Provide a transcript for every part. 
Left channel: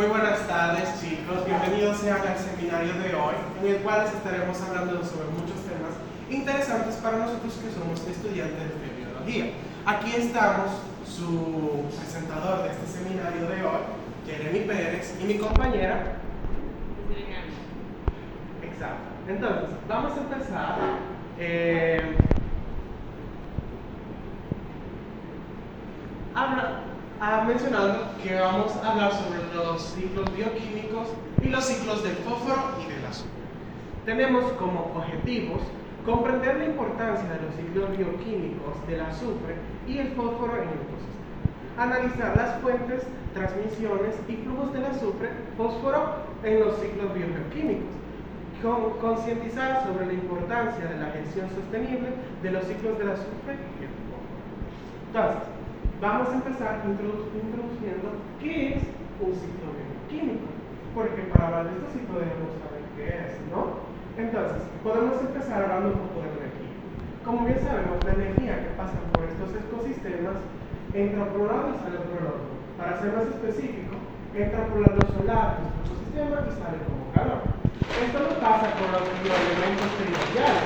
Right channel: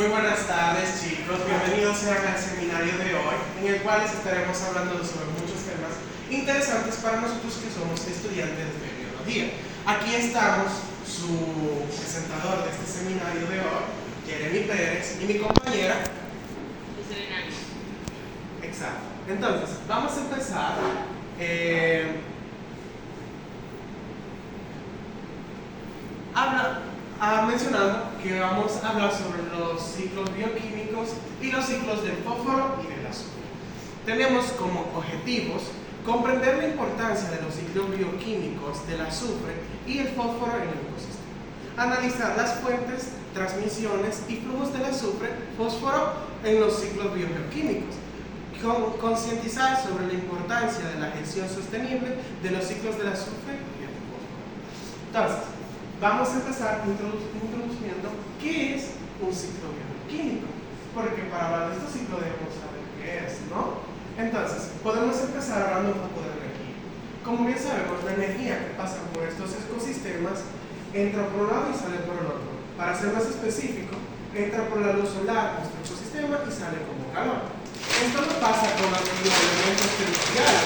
Muy buenas tardes, chicos. Bienvenidos sean al seminario de hoy, en el cual les estaremos hablando sobre muchos temas interesantes para nosotros que somos estudiantes de biología. Aquí estamos, su presentador de este seminario de hoy, Jeremy Pérez, y mi compañera Serena. Exacto. Entonces, vamos a empezar. Mencionando que vamos a hablar sobre los ciclos bioquímicos y los ciclos del fósforo y del azufre. Tenemos como objetivos comprender la importancia de los ciclos bioquímicos del azufre y el fósforo en el ecosistema. Analizar las fuentes, transmisiones y flujos del azufre, fósforo en los ciclos bioquímicos. Concientizar sobre la importancia de la gestión sostenible de los ciclos del azufre y del fósforo. Entonces, vamos a empezar introduciendo qué es un ciclo bioquímico, porque para hablar de este ciclo debemos saber qué es, ¿no? Entonces, podemos empezar hablando un poco de energía. Como bien sabemos, la energía que pasa por estos ecosistemas entra por un lado y sale por el otro. Para ser más específico, entra por la luz solar de nuestro ecosistema y sale como calor. Esto no pasa con los bioelementos primordiales.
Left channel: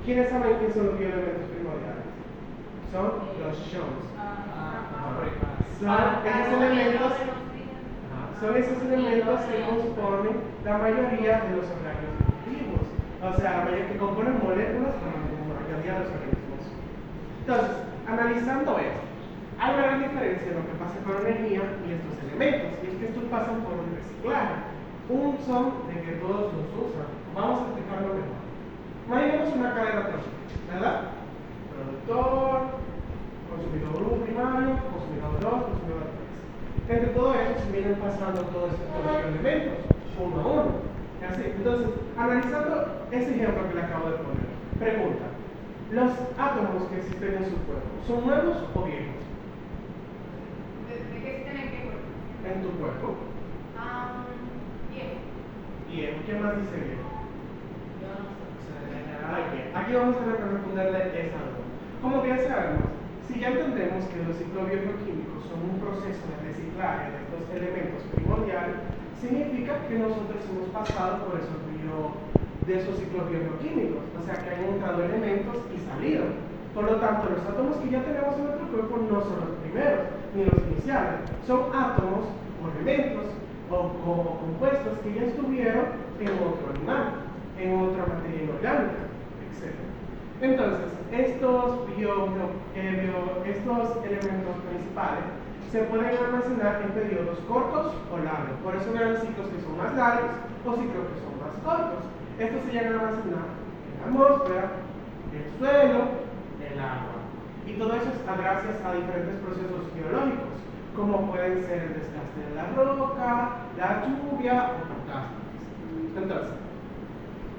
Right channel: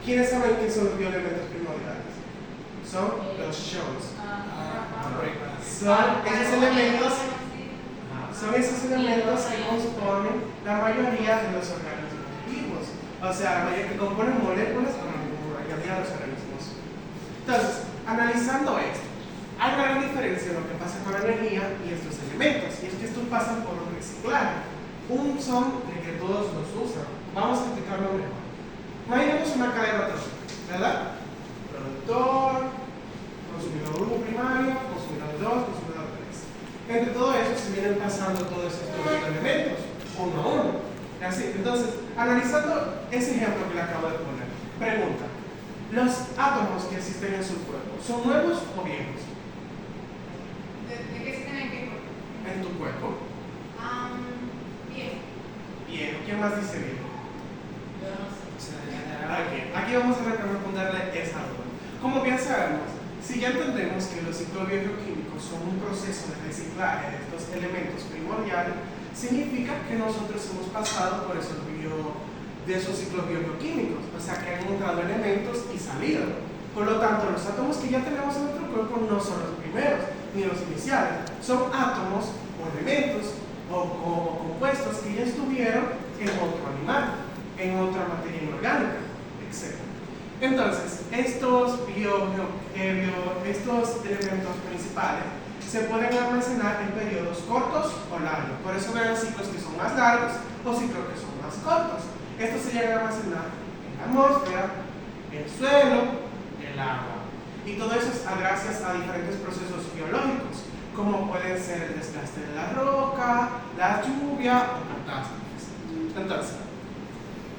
¿Quiénes saben quiénes son los bioelementos primordiales? Son los ions. Son esos elementos que componen la mayoría de los organismos vivos. O sea, la mayoría que componen moléculas con la mayoría de los organismos. Entonces, analizando esto, hay una gran diferencia en lo que pasa con la energía y estos elementos. Y es que estos pasan por un reciclaje. Un son de que todos los usan. Vamos a explicarlo mejor. Imaginemos una cadena trófica, ¿verdad? Productor, consumidor 1 primario, consumidor 2, consumidor 3. Entre todo eso se vienen pasando todos estos elementos, uno a uno. Así. Entonces, analizando ese ejemplo que le acabo de poner, pregunta: ¿los átomos que existen en su cuerpo son nuevos o viejos? ¿De qué se tiene que cuerpo? En tu cuerpo. Viejo. Viejo. ¿Quién más dice viejo? Yo no sé. Aquí vamos a responderle esa duda. Como bien sabemos, si ya entendemos que los ciclos bioquímicos son un proceso de reciclaje de estos elementos primordiales, significa que nosotros hemos pasado por esos ciclos bioquímicos, o sea que han entrado elementos y salido. Por lo tanto, los átomos que ya tenemos en nuestro cuerpo no son los primeros ni los iniciales, son átomos o elementos o compuestos que ya estuvieron en otro animal, en otra materia inorgánica, etc. Entonces, estos elementos principales se pueden almacenar en periodos cortos o largos. Por eso ven ciclos que son más largos o ciclos que son más cortos. Estos se llegan a almacenar en la atmósfera, el suelo, el agua. Y todo eso es gracias a diferentes procesos biológicos, como pueden ser el desgaste de la roca, la lluvia o catástrofes. Entonces,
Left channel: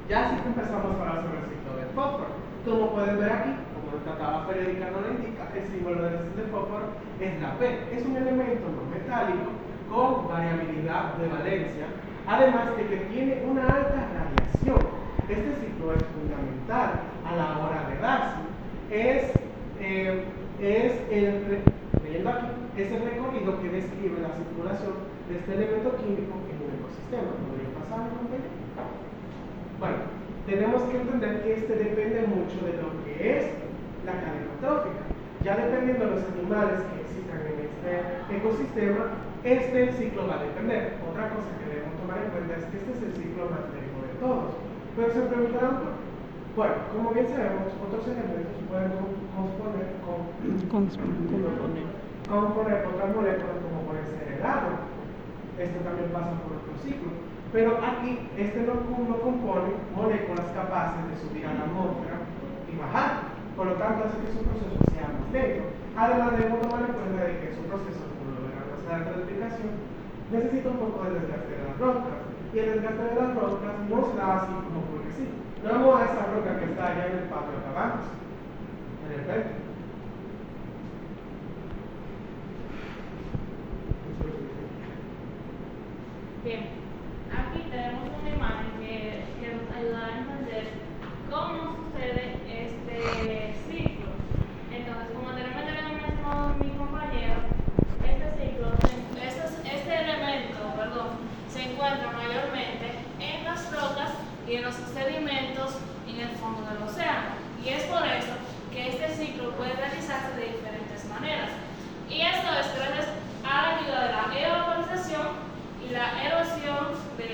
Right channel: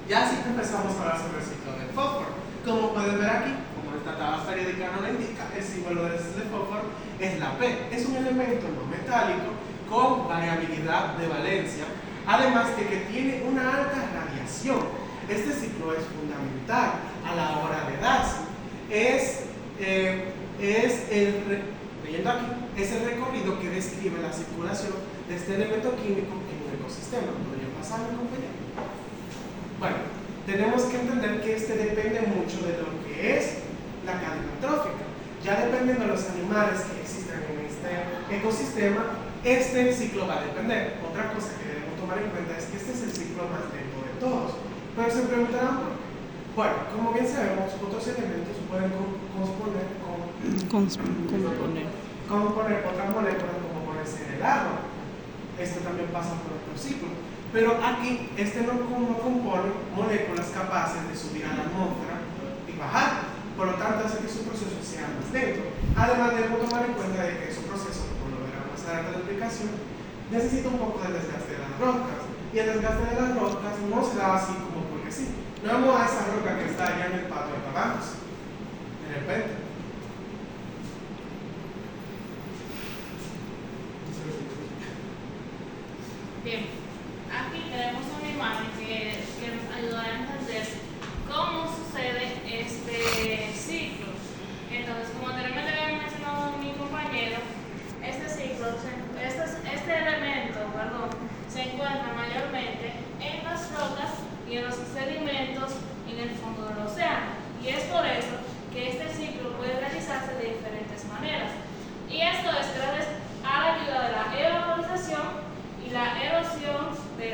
ya sí que empezamos a hablar sobre el ciclo del fósforo. Como pueden ver aquí, como nuestra tabla periódica nos lo indica, el símbolo del fósforo es la P. Es un elemento no metálico con variabilidad de valencia, además de que tiene una alta radiación. Este ciclo es fundamental a la hora de darse. Leyendo aquí, es el recorrido que describe la circulación de este elemento químico en un ecosistema. ¿Podría pasar, mi compañero? Bueno, tenemos que entender que este depende mucho de lo que es la cadena trófica. Ya dependiendo de los animales que existan en este ecosistema, este ciclo va a depender. Otra cosa que debemos tomar en cuenta es que este es el ciclo más lento de todos. Pero se preguntarán por qué. Bueno, como bien sabemos, otros elementos pueden componer otras moléculas como puede ser el agua. Esto también pasa por otro ciclo. Pero aquí, este no compone moléculas capaces de subir a la atmósfera y bajar. Por lo tanto, hace que su proceso sea más lento. Además, debemos tomar en cuenta de que su proceso, como lo verán más adelante en la explicación, necesita un poco de desgaste de las rocas. Y el desgaste de las rocas no se da así como porque sí. No vamos a esa roca que está allá en el patio de caballos. De repente. Bien, aquí tenemos una imagen que nos ayuda a entender cómo sucede este ciclo. Entonces, como anteriormente había mencionado mi compañero, este ciclo, este elemento, perdón,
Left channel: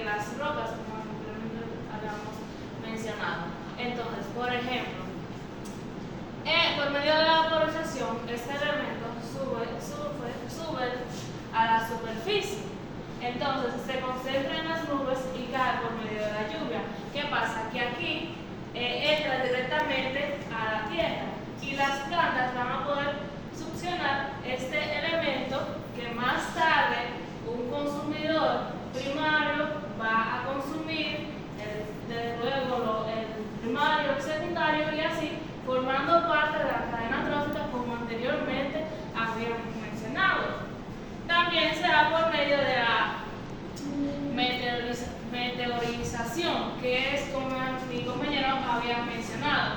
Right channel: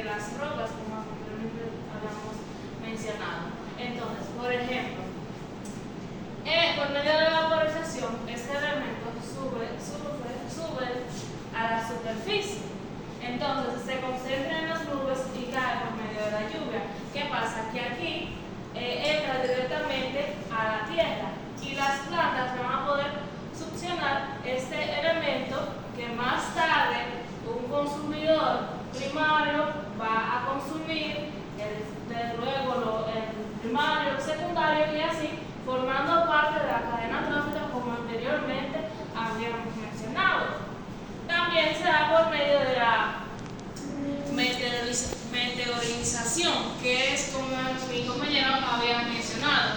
las rocas, como anteriormente habíamos mencionado. Entonces, por ejemplo, por medio de la vaporización, este elemento sube a la superficie. Entonces se concentra en las nubes y cae por medio de la lluvia. ¿Qué pasa? Que aquí entra directamente a la tierra y las plantas van a poder succionar este elemento que más tarde un consumidor primario va a consumir, luego el primario, el secundario y así, formando parte de la cadena trófica como anteriormente habíamos mencionado. También se da por medio de la meteorización, que es como mi compañero había mencionado.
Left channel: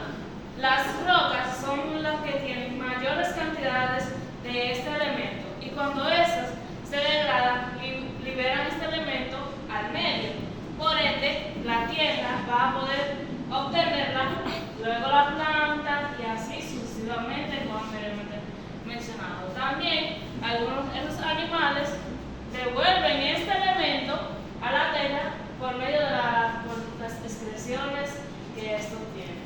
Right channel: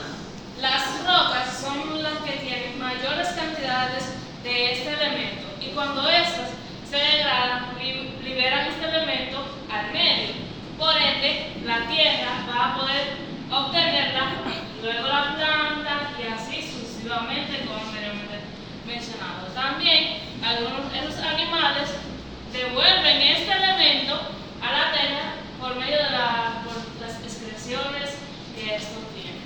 Las rocas son las que tienen mayores cantidades de este elemento y cuando estos se degradan, liberan este elemento al medio. Por ende, la tierra va a poder obtenerla, luego la planta y así sucesivamente como anteriormente mencionado. También algunos de esos animales devuelven este elemento a la tierra por medio de por las excreciones que estos tienen.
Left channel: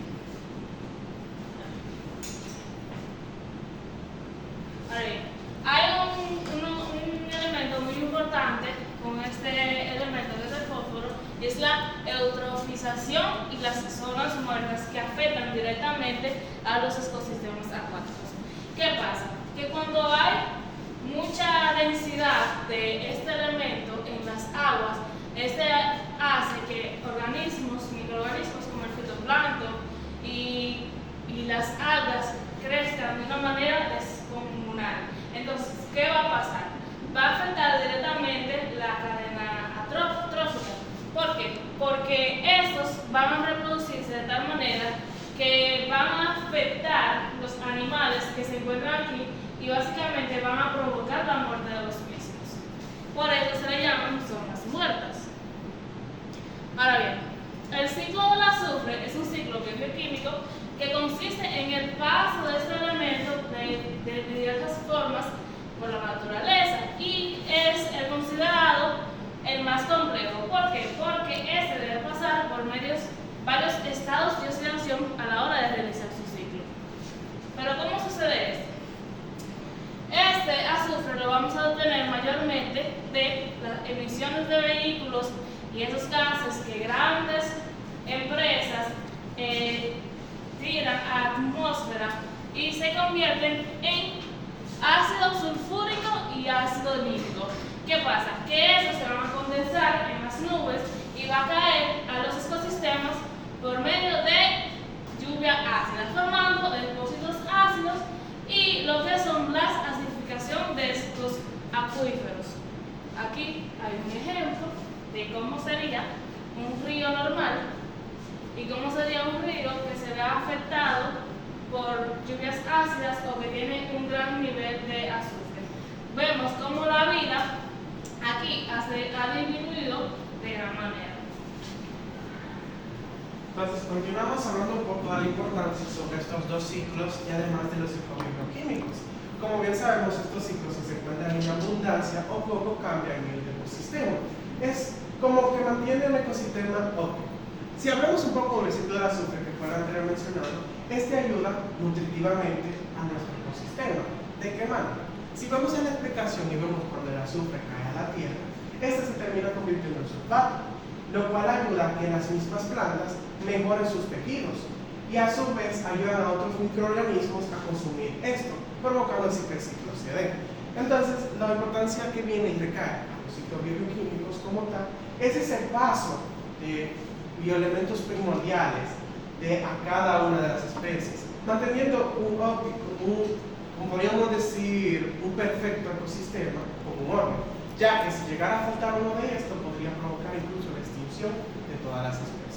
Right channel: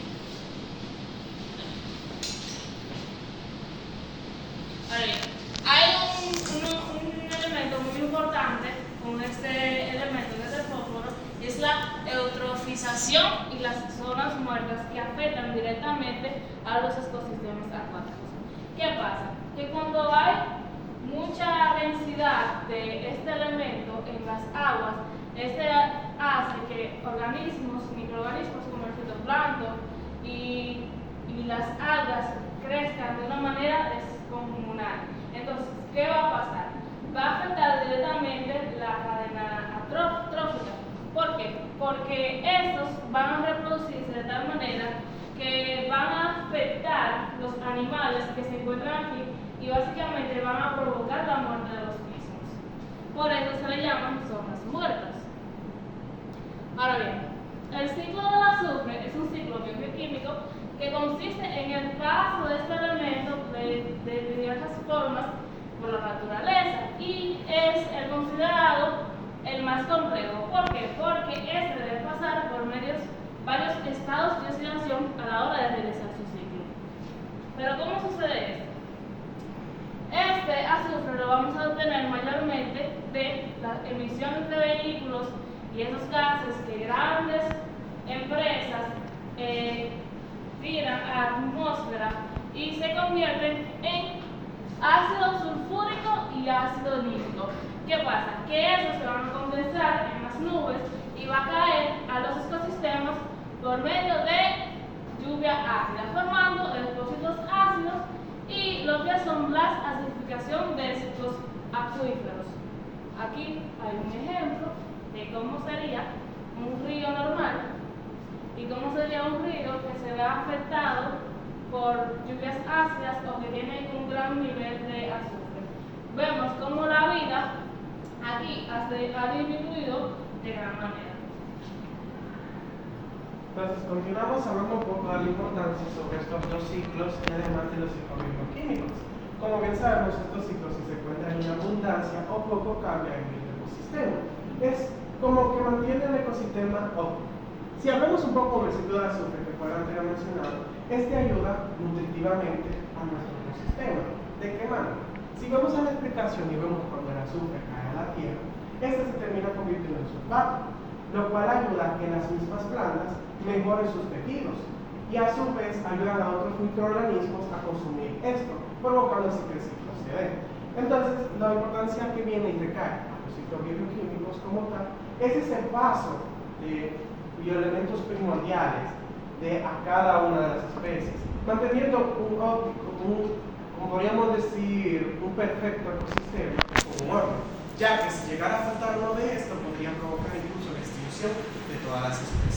Ahora bien, hay un elemento muy importante con este elemento que es el fósforo, es la eutrofización y las zonas muertas que afectan directamente a los ecosistemas acuáticos. ¿Qué pasa? Que cuando hay mucha densidad de este elemento en las aguas, este hace que microorganismos como el fitoplancton y las algas crezcan de una manera descomunal. Entonces, ¿qué va a pasar? Va a afectar directamente la cadena trófica. ¿Por qué? Porque estos van a reproducirse de tal manera que van a afectar los animales que se encuentran aquí y básicamente van a provocar la muerte de los mismos. Por eso se le llaman zonas muertas. Ahora bien, el ciclo del azufre es un ciclo bioquímico que consiste en el paso de este elemento de diversas formas por la naturaleza y es el considerado el más complejo. ¿Por qué? Porque este debe pasar por varios estados de oxidación a la hora de realizar su ciclo. Pero ¿cómo sucede esto? Este azufre lo vamos a obtener mayormente de las emisiones de vehículos y esos gases que grandes empresas tiran a la atmósfera y se convierten en ácido sulfúrico y ácido nítrico. ¿Qué pasa? Que esos se van a condensar en las nubes y va a caer a los ecosistemas por medio de lluvia ácida, formando depósitos ácidos y lo que son las acidificación de estos acuíferos. Aquí hay un ejemplo de cómo sería un río normal y cómo sería un río que se vea afectado por lluvias ácidas o que tiene un gran nivel de azufre. Vemos cómo la vida aquí ha disminuido de gran manera. Entonces, continuamos hablando un poco de la importancia sobre estos dos ciclos y además de los ciclos bioquímicos. Como bien sabemos, estos ciclos, si se encuentran en abundancia o poco, cambian el ecosistema. Es como que mantiene el ecosistema óptimo. Si hablamos un poco del ciclo del azufre que fue anteriormente mencionado, este ayuda nutritivamente a nuestro ecosistema. ¿De qué manera? Si vamos a la explicación y vemos cuando el azufre cae a la tierra, este se termina convirtiendo en sulfato, lo cual ayuda a que las mismas plantas mejoren sus tejidos y a su vez ayudan a otros microorganismos a consumir esto, provocando así que el ciclo se dé. Entonces, la importancia que viene y recae a los ciclos bioquímicos como tal es ese paso de bioelementos primordiales a cada una de las especies, manteniendo como podríamos decir, un perfecto ecosistema o un orden, ya que si llegara a faltar uno de estos podría provocar incluso la extinción de todas las especies.